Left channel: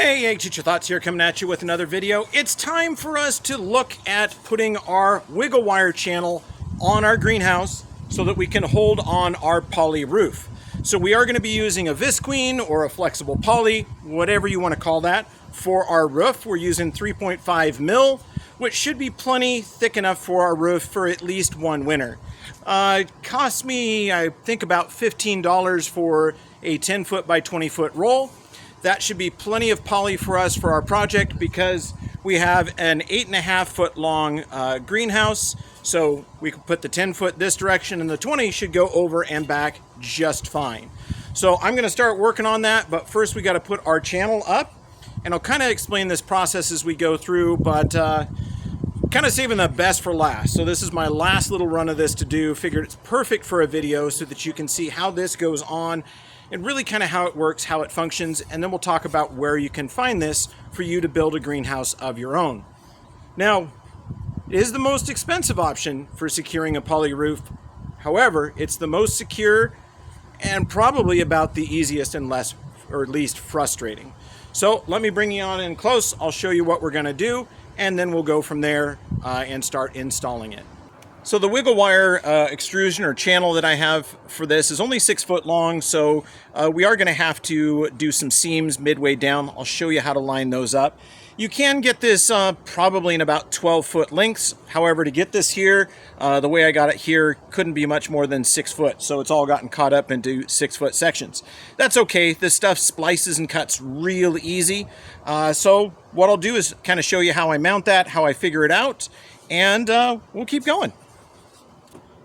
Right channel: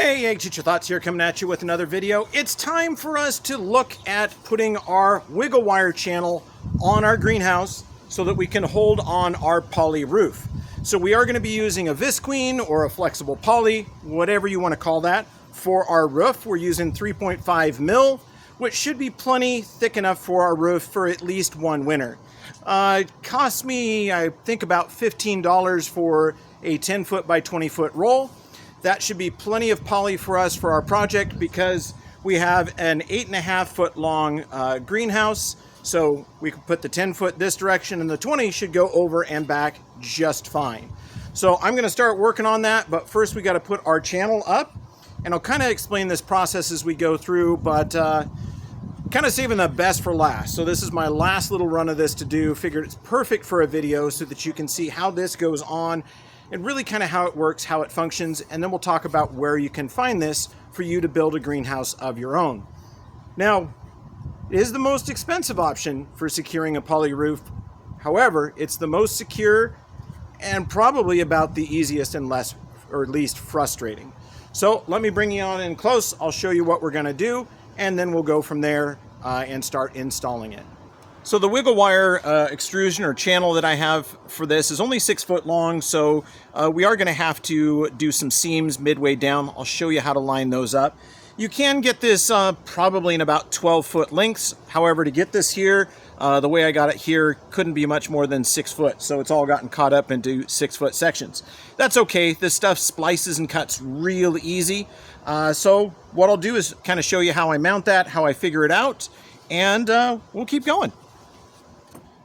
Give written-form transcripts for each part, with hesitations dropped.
Hey, Egg Teacher Thoughts here, coming at you with another video. It's time for us to look at putting our wiggle wire channel on our greenhouse so that we can hold on our poly roof. So we are going to be using a visqueen or a flexible poly, whatever you want to call that, for our roof. We're using 3.5 mil, which should be plenty thick enough for our roof for at least one winter. It cost me, I think, about $15 for a 10 foot by 20 foot roll. That should be plenty of poly for us for our project because we have an 8.5 foot long greenhouse. So we can put the 10 foot this direction and the 20 should go over and back just fine. So I'm going to start working on that, but first we got to put our channel up, and I'll kind of explain this process as we go through, but kind of saving the best for last. So this is my last little run of this to do. Figured it's perfect for a video so that you can see how this goes on and really kind of how it works, how it functions, and then we'll talk about where you can find this for you to build a greenhouse of your own. Now, it is the most expensive option for securing a poly roof. However, it's the most secure and probably about the easiest and least frustrating. So let me bring you on in close. I'll show you what we're going to do, and then we'll go from there and start installing it. So the wiggle wire extrusion or channel that I have for this is only 6 foot long, so we are going to have to do some seams midway down. I'll show you how to line those up. You can get this probably in about 12 foot lengths. However, to get this here, the way I got it here couldn't be much more than 6 foot, so it's all gotten caught up into 6 foot sections. That's okay. This stuff splices and cuts real easy. So what I'll do is kind of show you how I mount that, how I figure it out, and we'll keep going.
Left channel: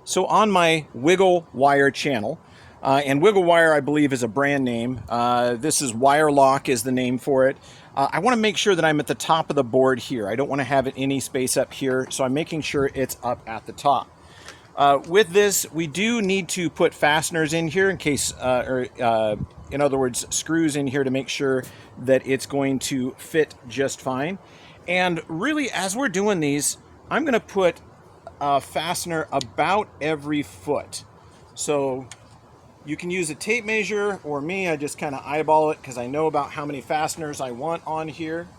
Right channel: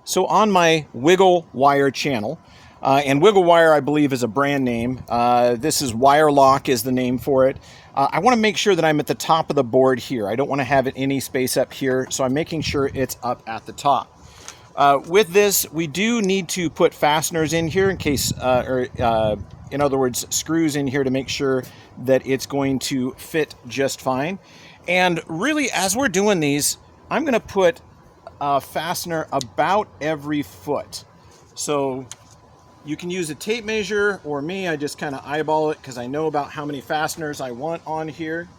So on my wiggle wire channel, and wiggle wire I believe is a brand name. This is Wire Lock is the name for it. I want to make sure that I'm at the top of the board here. I don't want to have it any space up here, so I'm making sure it's up at the top. With this, we do need to put fasteners in here in case, in other words, screws in here to make sure that it's going to fit just fine. And really, as we're doing these, I'm going to put a fastener about every foot. So you can use a tape measure, or me, I just kind of eyeball it because I know about how many fasteners I want on here.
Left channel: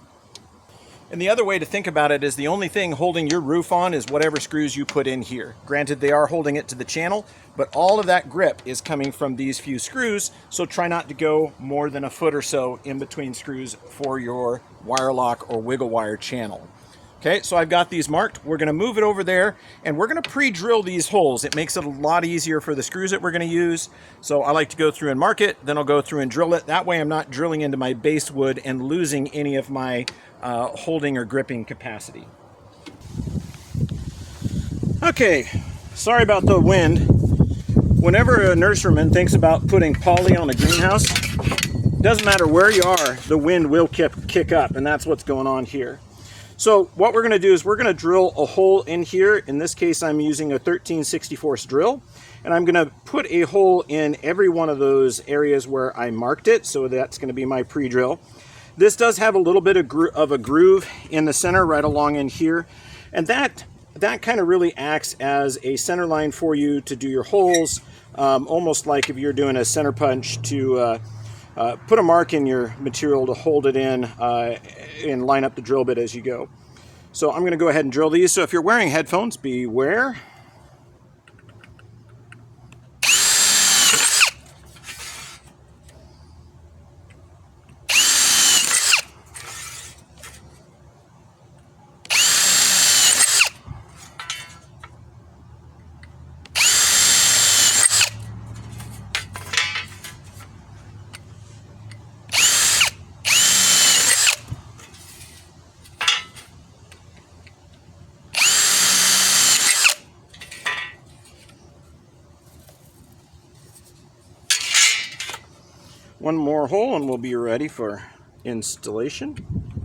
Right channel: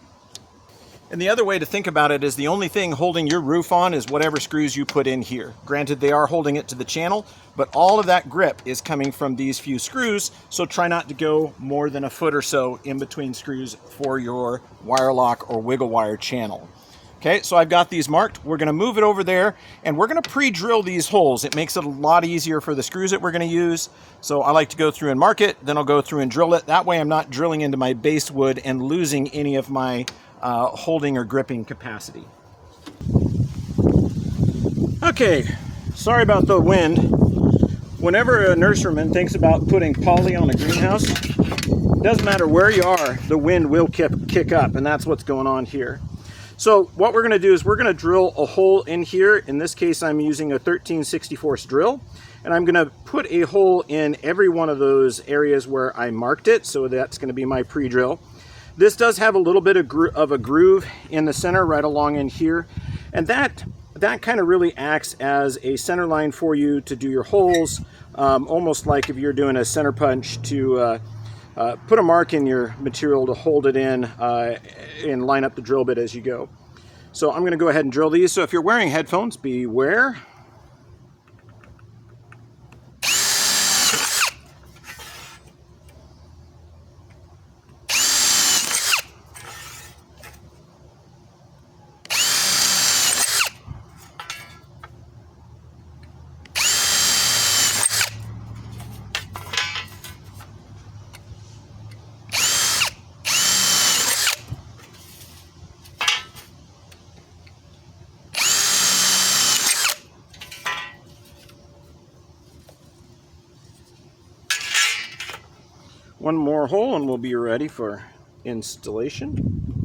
And the other way to think about it is the only thing holding your roof on is whatever screws you put in here. Granted, they are holding it to the channel, but all of that grip is coming from these few screws, so try not to go more than a foot or so in between screws for your wire lock or wiggle wire channel. Okay, so I've got these marked. We're going to move it over there, and we're going to pre-drill these holes. It makes it a lot easier for the screws that we're going to use. So I like to go through and mark it, then I'll go through and drill it. That way I'm not drilling into my base wood and losing any of my holding or gripping capacity. Okay, sorry about the wind. Whenever a nurseryman thinks about putting poly on a greenhouse, doesn't matter where you are, the wind will kick up, and that's what's going on here. So what we're going to do is we're going to drill a hole in here. In this case, I'm using a 13/64 drill, and I'm going to put a hole in every one of those areas where I marked it. So that's going to be my pre-drill. This does have a little bit of a groove in the center right along in here, and that kind of really acts as a center line for you to do your holes, almost like if you're doing a center punch to put a mark in your material to hold it in and line up the drill bit as you go. So I'm going to go ahead and drill these. So if you're wearing headphones, beware. One more hole and we'll be ready for installation.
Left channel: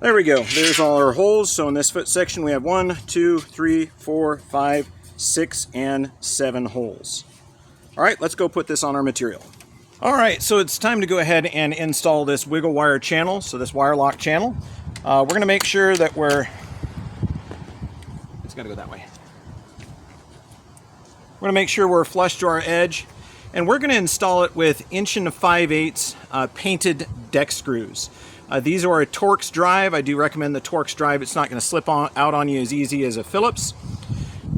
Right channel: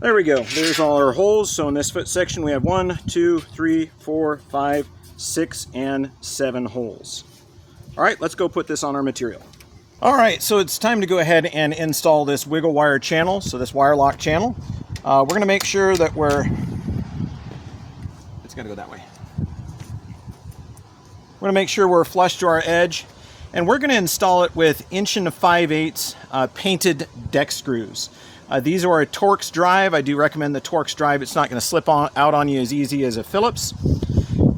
There we go. There's all our holes. So in this foot section we have 1, 2, 3, 4, 5, 6, and 7 holes. All right, let's go put this on our material. All right, so it's time to go ahead and install this wiggle wire channel, so this wire lock channel. We're going to make sure that it's got to go that way. We're going to make sure we're flush to our edge, And we're going to install it with 1 5/8" painted deck screws. These are a Torx drive. I do recommend the Torx drive. It's not going to slip out on you as easy as a Phillips.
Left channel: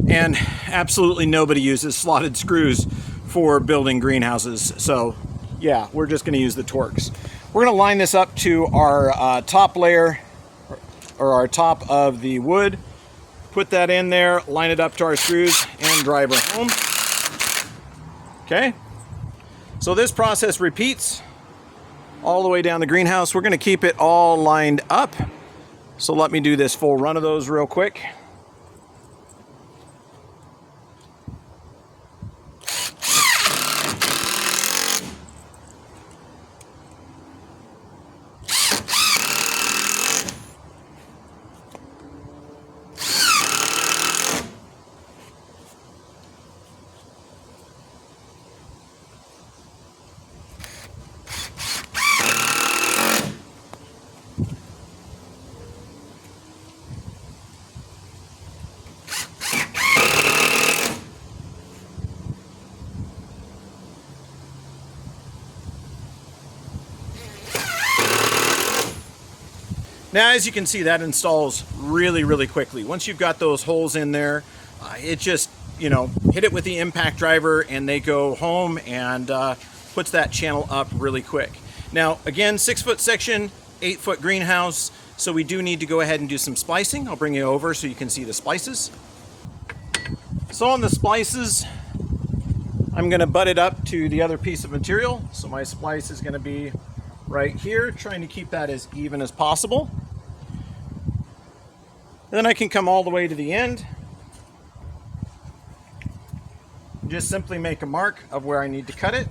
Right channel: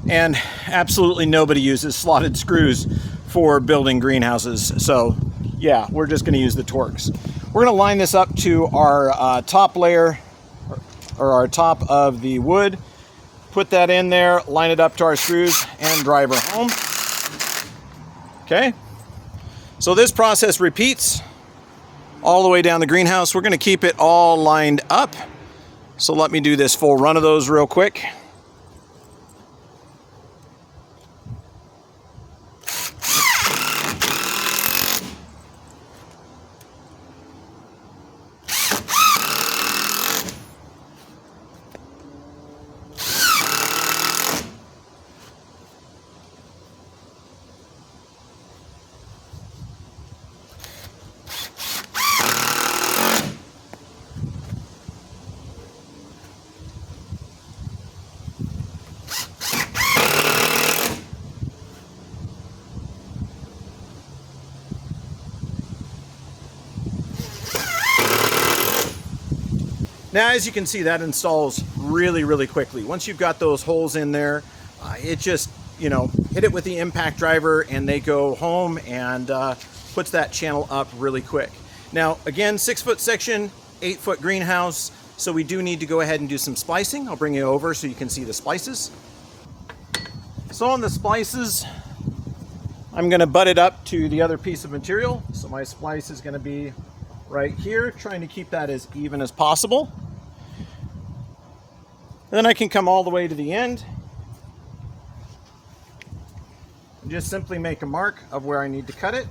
And absolutely nobody uses slotted screws for building greenhouses. So yeah, we're just going to use the Torx. We're going to line this up to our top layer, or our top of the wood. Put that in there, line it up to our screws, and drive her home. Okay, so this process repeats all the way down the greenhouse. We're going to keep it all lined up. So let me do this full run of those real quick. Now, as you can see, that installs really, really quickly. Once you've got those holes in there, it just, you know, hit it with the impact driver and they go home, and puts that channel up really quick. Now, again, 6-foot section, 8-foot greenhouse, so we do need to go ahead and do some splicing. I'll bring you over so you can see the splices. So on the splices, I'm going to butt it up to the other piece of material. So my splice is going to be right here, trying to keep that as even as possible. Then I can come all the way to the end and just simply make a mark of where I need to cut it.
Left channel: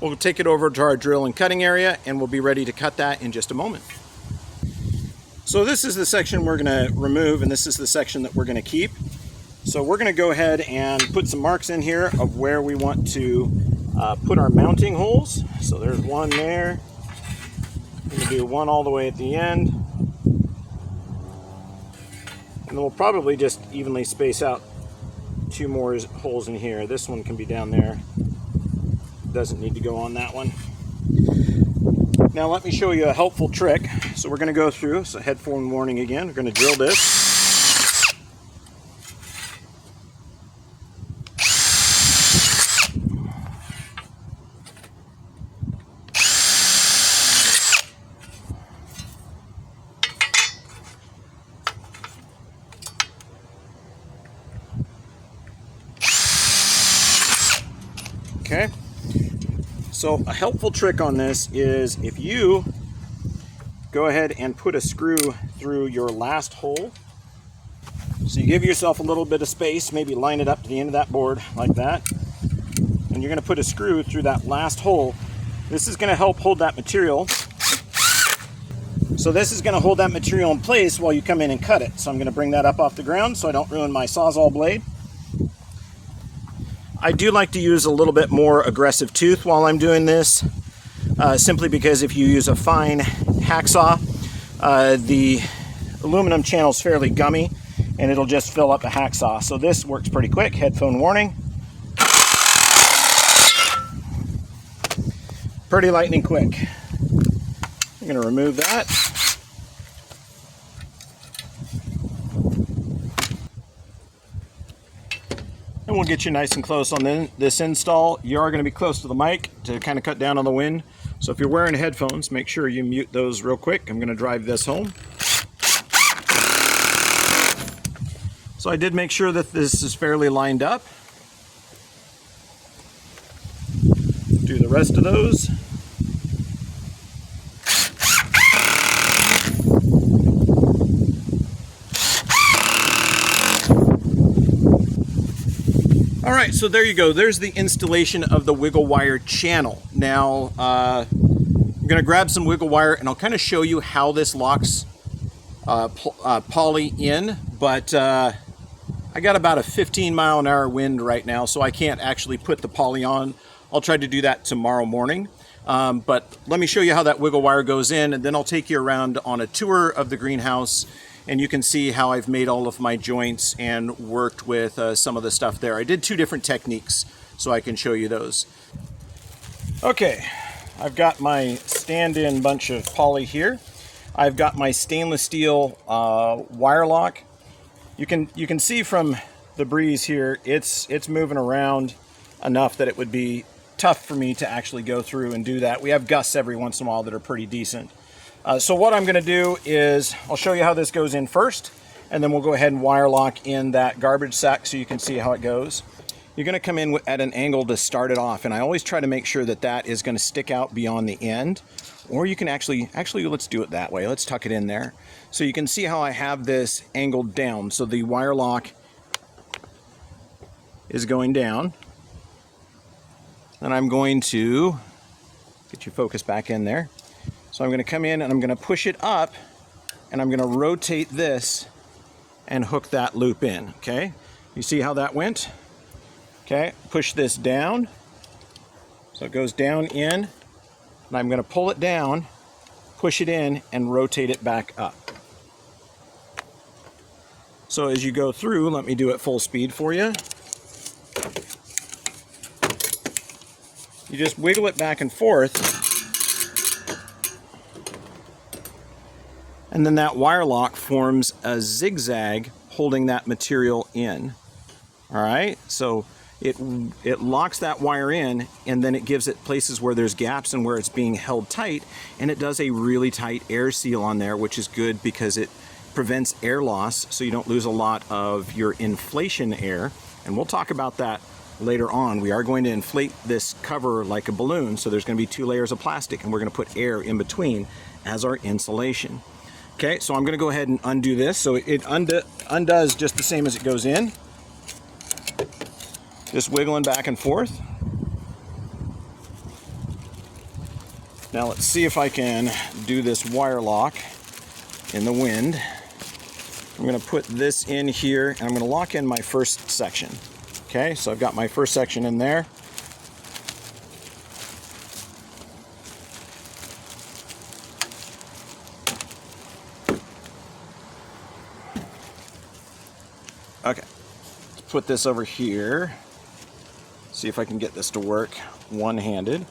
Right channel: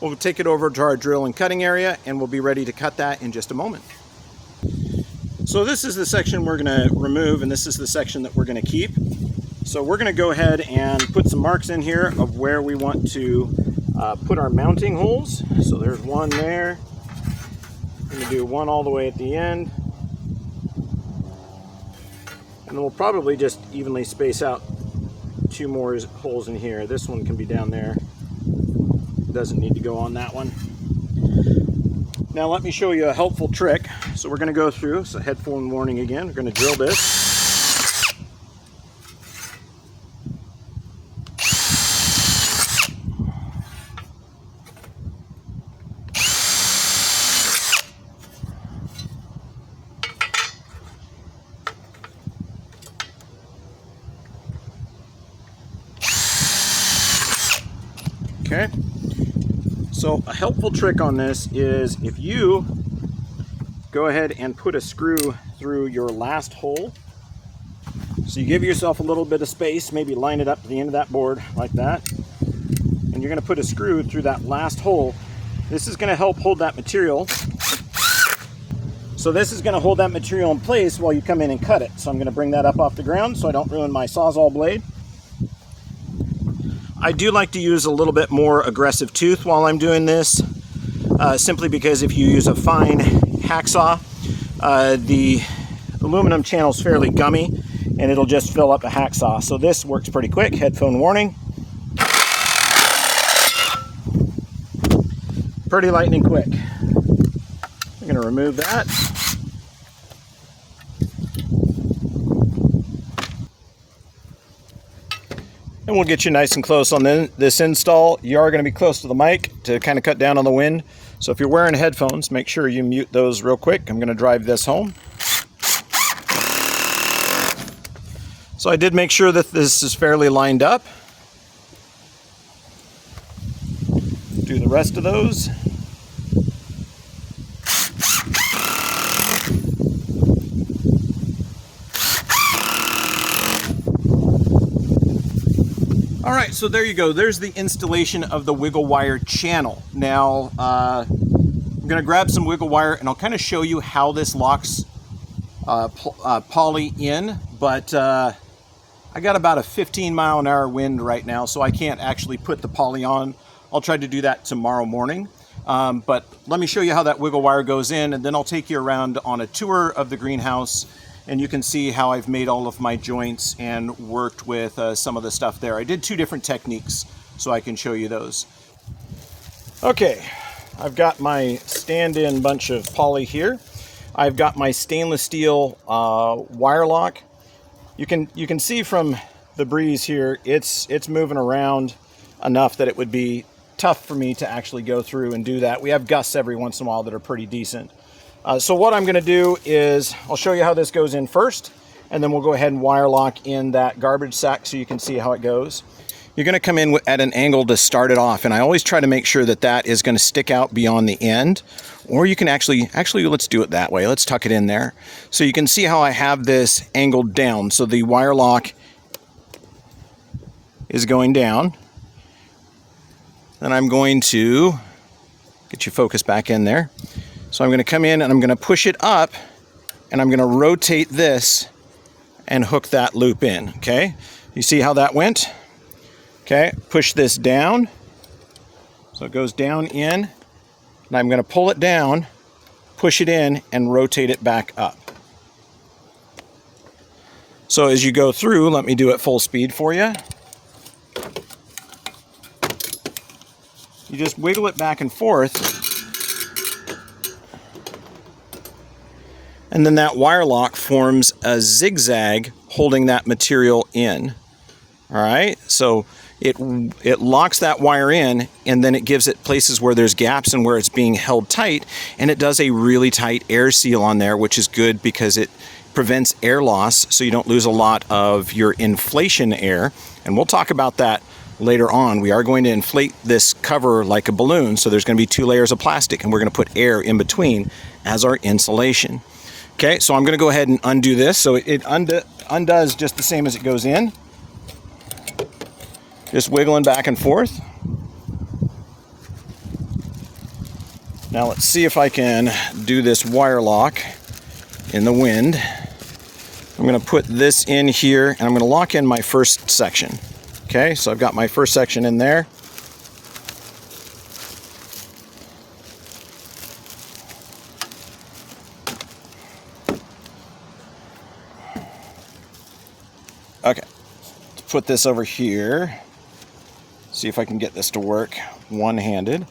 We'll take it over to our drill and cutting area, and we'll be ready to cut that in just a moment. So this is the section we're going to remove, and this is the section that we're going to keep. So we're going to go ahead and put some marks in here of where we want to put our mounting holes. So there's one there. I'm going to do one all the way at the end. And then we'll probably just evenly space out 2 more holes in here. This one can be down there. Doesn't need to go on that one. Now let me show you a helpful trick. So we're going to go through, so headphone warning again, we're going to drill this. Okay. So a helpful trick on this is if you go ahead and put a screw through your last hole. So you give yourself a little bit of space, maybe line it up to the end of that board like that. And you're going to put a screw through that last hole. This is going to help hold that material. So this is going to hold that material in place while you come in and cut it. So I'm going to bring that up off the ground so I don't ruin my Sawzall blade. I do like to use a little bit more aggressive tooth while I'm doing this, simply because if you use a fine hacksaw, the aluminum channel is fairly gummy and it'll just fill up a hacksaw. So this works pretty quick. Headphone warning. Pretty lightning quick. I'm going to remove that. And we'll get you nice and close on this install. You are going to be close to the mic to kind of cut down on the wind. So if you're wearing headphones, make sure you mute those real quick. I'm going to drive this home. So I did make sure that this is fairly lined up. Do the rest of those. All right, so there you go. There's the installation of the wiggle wire channel. Now, I'm gonna grab some wiggle wire and I'll kind of show you how this locks poly in, but I got about a 15-mile-an-hour wind right now, so I can't actually put the poly on. I'll try to do that tomorrow morning. But let me show you how that wiggle wire goes in, and then I'll take you around on a tour of the greenhouse, and you can see how I've made all of my joints and worked with some of the stuff there. I did 2 different techniques, so I can show you those. Okay, I've got my stand-in bunch of poly here. I've got my stainless steel wire lock. You can see from the breeze here, it's moving around enough that it would be tough for me to actually go through and do that. We have gusts every once in a while that are pretty decent. So what I'm going to do is I'll show you how this goes in first, and then we'll go ahead and wire lock in that garbage sack so you can see how it goes. You're going to come in at an angle to start it off, and I always try to make sure that that is going to stick out beyond the end. Or you can actually let's do it that way. Let's tuck it in there. So you can see how I have this angled down. So the wire lock is going down. Then I'm going to get you focused back in there. So I'm going to come in and I'm going to push it up, and I'm going to rotate this and hook that loop in, okay? You see how that went? Okay, push this down. So it goes down in, and I'm going to pull it down, push it in, and rotate it back up. So as you go through, let me do it full speed for you. You just wiggle it back and forth, and then that wire lock forms a zigzag holding that material in. All right, so it locks that wire in, and then it gives it places where there's gaps and where it's being held tight, and it does a really tight air seal on there, which is good because it prevents air loss, so you don't lose a lot of your inflation air. And we'll talk about that later on. We are going to inflate this cover like a balloon, so there's going to be 2 layers of plastic, and we're going to put air in between as our insulation. Okay, so I'm going to go ahead and undo this. So it undoes just the same as it goes in. Just wiggling back and forth. Now let's see if I can do this wire lock in the wind. I'm going to put this in here, and I'm going to lock in my first section. Okay, so I've got my first section in there. Okay, let's put this over here. See if I can get this to work one-handed.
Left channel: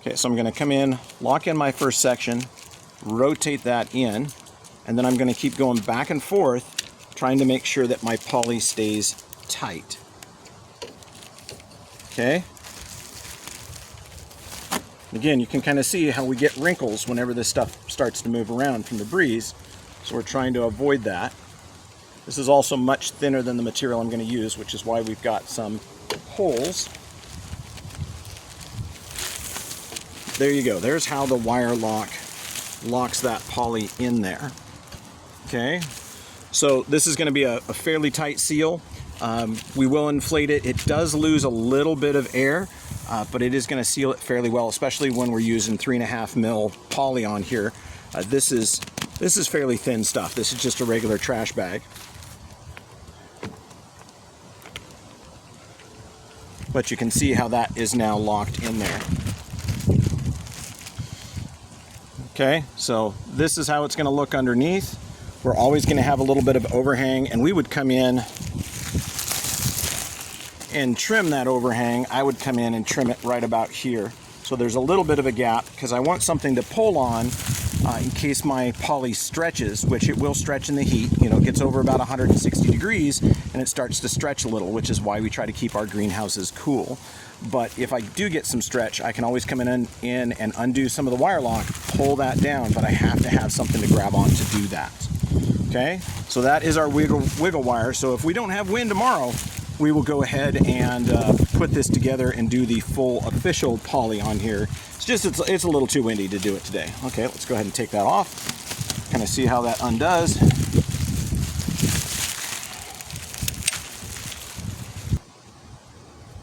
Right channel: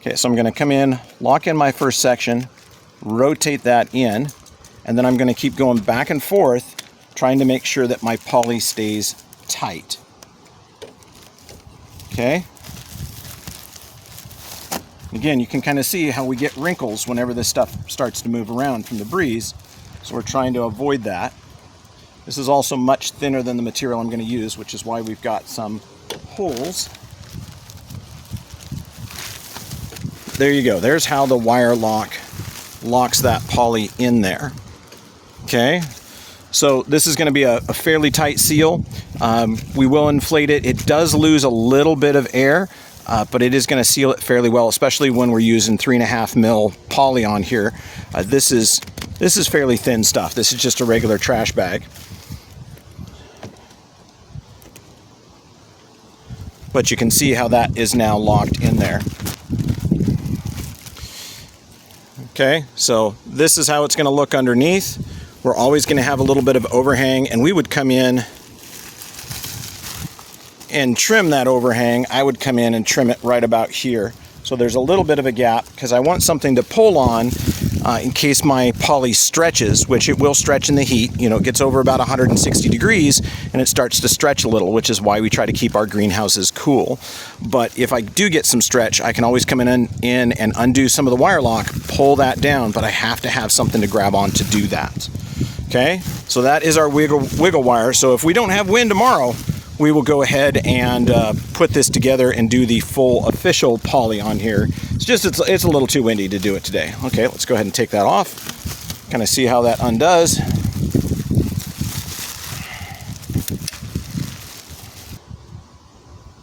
Okay, so I'm going to come in, lock in my first section, rotate that in, and then I'm going to keep going back and forth, trying to make sure that my poly stays tight. Okay. Again, you can kind of see how we get wrinkles whenever this stuff starts to move around from the breeze, so we're trying to avoid that. This is also much thinner than the material I'm going to use, which is why we've got some holes. There you go. There's how the wire lock locks that poly in there. Okay. So this is going to be a fairly tight seal. We will inflate it. It does lose a little bit of air, but it is going to seal it fairly well, especially when we're using 3.5 mil poly on here. This is fairly thin stuff. This is just a regular trash bag. But you can see how that is now locked in there. Okay, so this is how it's going to look underneath. We're always going to have a little bit of overhang, and we would come in and trim that overhang. I would come in and trim it right about here. So there's a little bit of a gap because I want something to pull on in case my poly stretches, which it will stretch in the heat. You know, it gets over about 160 degrees and it starts to stretch a little, which is why we try to keep our greenhouses cool. But if I do get some stretch, I can always come in and undo some of the wire lock, pull that down, but I have to have something to grab on to do that. Okay, so that is our wiggle wire. So if we don't have wind tomorrow, we will go ahead and put this together and do the full official poly on here. It's a little too windy to do it today. Okay, let's go ahead and take that off. Kind of see how that undoes.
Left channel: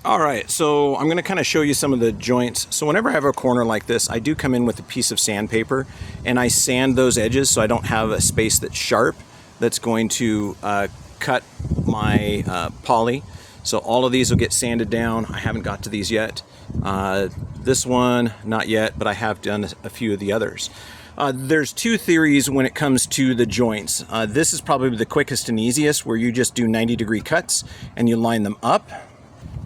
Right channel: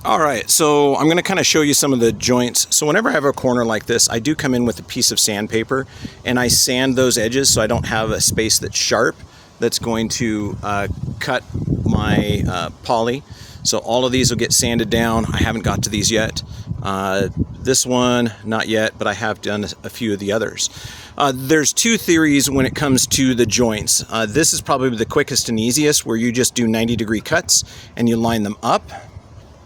All right, so I'm going to kind of show you some of the joints. So whenever I have a corner like this, I do come in with a piece of sandpaper and I sand those edges so I don't have a space that's sharp that's going to cut my poly. So all of these will get sanded down. I haven't got to these yet. This one, not yet, but I have done a few of the others. There's two theories when it comes to the joints. This is probably the quickest and easiest, where you just do 90-degree cuts and you line them up.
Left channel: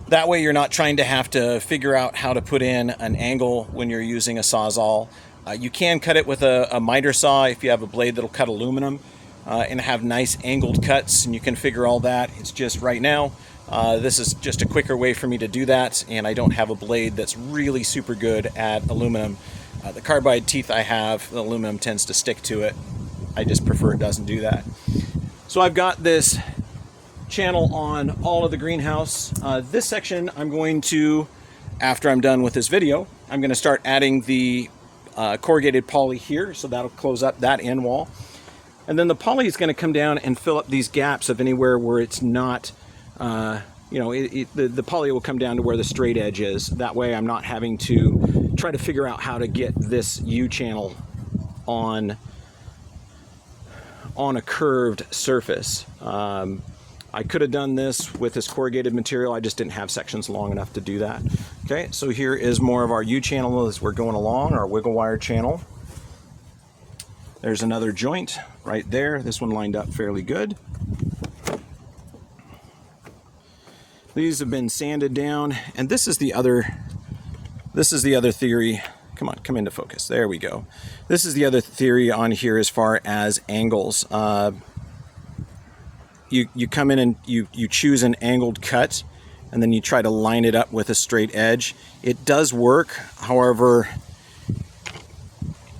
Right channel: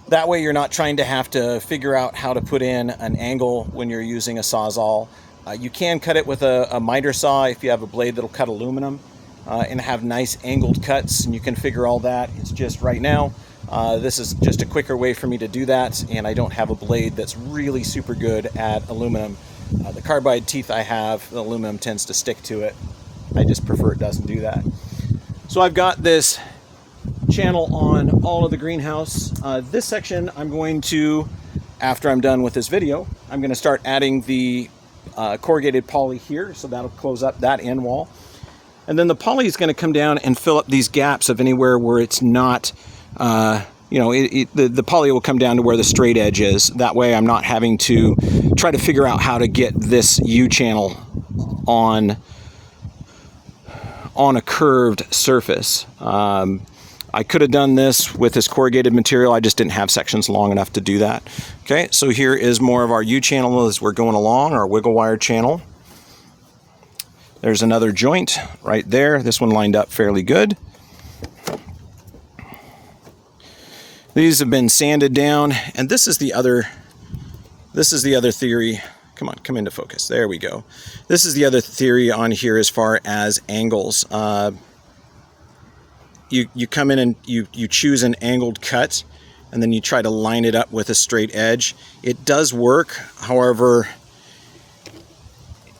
That way you're not trying to have to figure out how to put in an angle when you're using a Sawzall. You can cut it with a miter saw if you have a blade that'll cut aluminum and have nice angled cuts, and you can figure all that. It's just right now, this is just a quicker way for me to do that, and I don't have a blade that's really super good at aluminum. The carbide teeth I have, the aluminum tends to stick to it. I just prefer it doesn't do that. So I've got this channel on all of the greenhouse. This section I'm going to, after I'm done with this video, I'm going to start adding the corrugated poly here, so that'll close up that end wall. And then the poly is going to come down and fill up these gaps of anywhere where it's not, you know, the poly will come down to where the straight edge is. That way I'm not having to try to figure out how to get this U-channel on a curved surface. I could have done this with this corrugated material. I just didn't have sections long enough to do that. Okay, so here is more of our U-channel as we're going along, our wiggle wire channel. There's another joint right there. This one lined up fairly good. These have been sanded down, and this is the other theory. Come on, come into focus. There we go. This is the other theory on here as far as angles. You come in and you choose an angled cut, and then you try to line it up with a straight edge. It does work, however,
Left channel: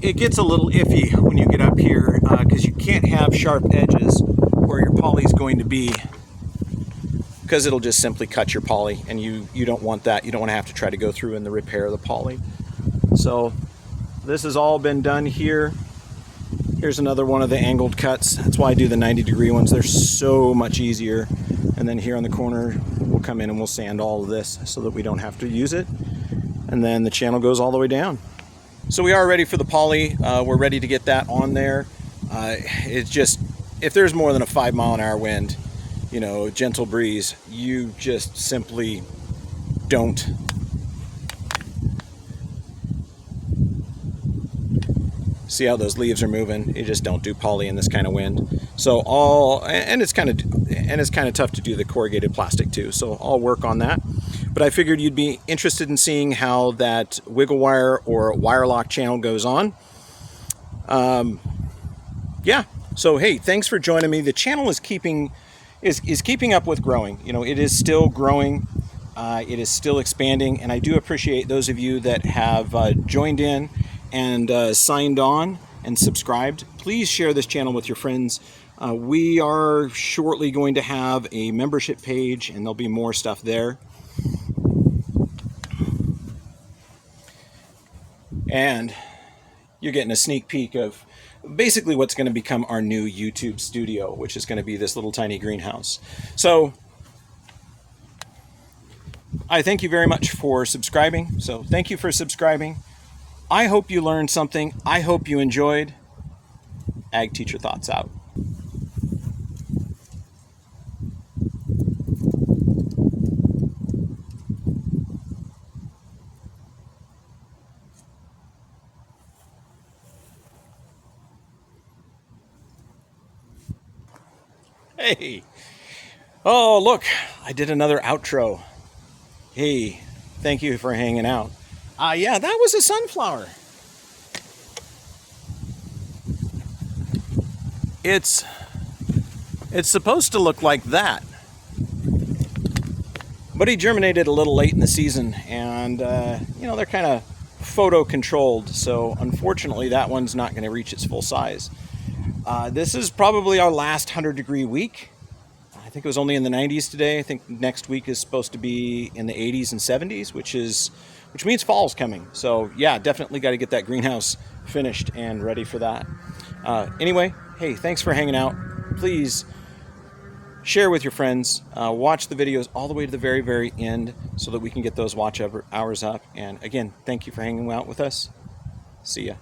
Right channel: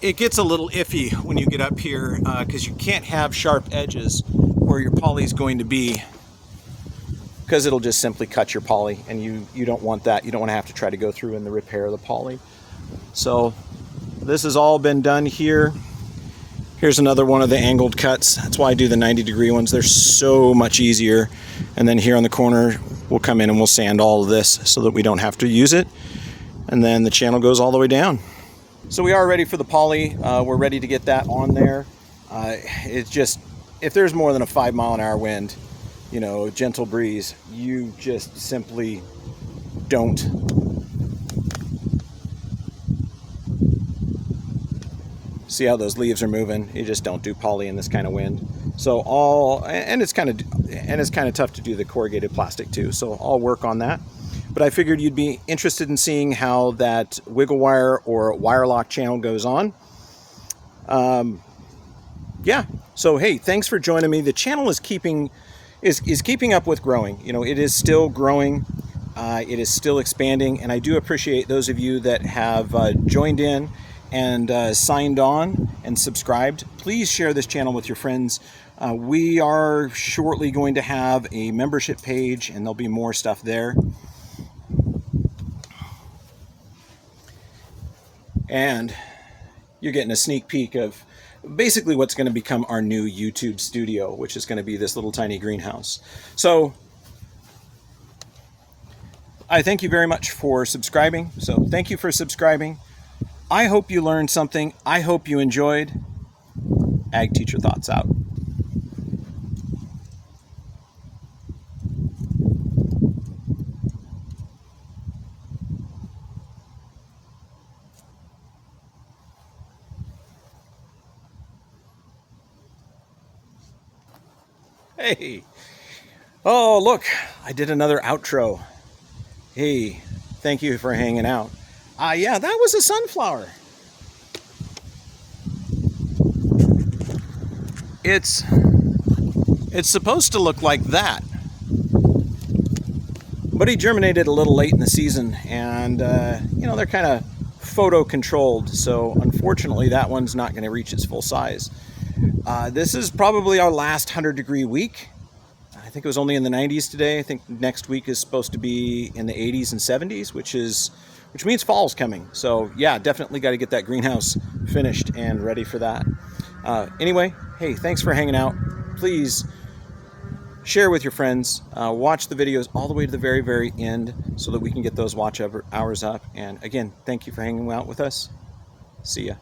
it gets a little iffy when you get up here because you can't have sharp edges where your poly is going to be, because it'll just simply cut your poly, and you don't want that. You don't want to have to try to go through and repair the poly. So this has all been done here. Here's another one of the angled cuts. That's why I do the 90-degree ones. They're so much easier. And then here on the corner, we'll come in and we'll sand all of this so that we don't have to use it. And then the channel goes all the way down. So we are ready for the poly. We're ready to get that on there. It's just, if there's more than a 5-mile-an-hour wind, you know, gentle breeze, you just simply don't. See how those leaves are moving? You just don't do poly in this kind of wind. So it's kind of tough to do the corrugated plastic too. So I'll work on that. But I figured you'd be interested in seeing how that wiggle wire or wire lock channel goes on. Yeah. So hey, thanks for joining me. The channel is keeping up with growing. You know, it is still growing. It is still expanding, and I do appreciate those of you that have joined in and signed on and subscribed. Please share this channel with your friends. We are shortly going to have a membership page, and there'll be more stuff there. And you're getting a sneak peek of basically what's going to become our new YouTube studio, which is going to be this little tiny greenhouse. So I thank you very much for subscribing. So thank you for subscribing. I hope you learned something. I hope you enjoyed. Ag Teacher Thoughts out. Hey. Oh, look, I did another outro. Hey, thank you for hanging out. Yeah, that was a sunflower. It's supposed to look like that. But he germinated a little late in the season, and you know, they're kind of photo controlled, so unfortunately that one's not going to reach its full size. This is probably our last 100-degree week. I think it was only in the 90s today. I think next week is supposed to be in the 80s and 70s, which means fall's coming. So yeah, definitely got to get that greenhouse finished and ready for that. Anyway, hey, thanks for hanging out. Please share with your friends. Watch the videos all the way to the very, very end so that we can get those watch hours up. And again, thank you for hanging out with us. See ya.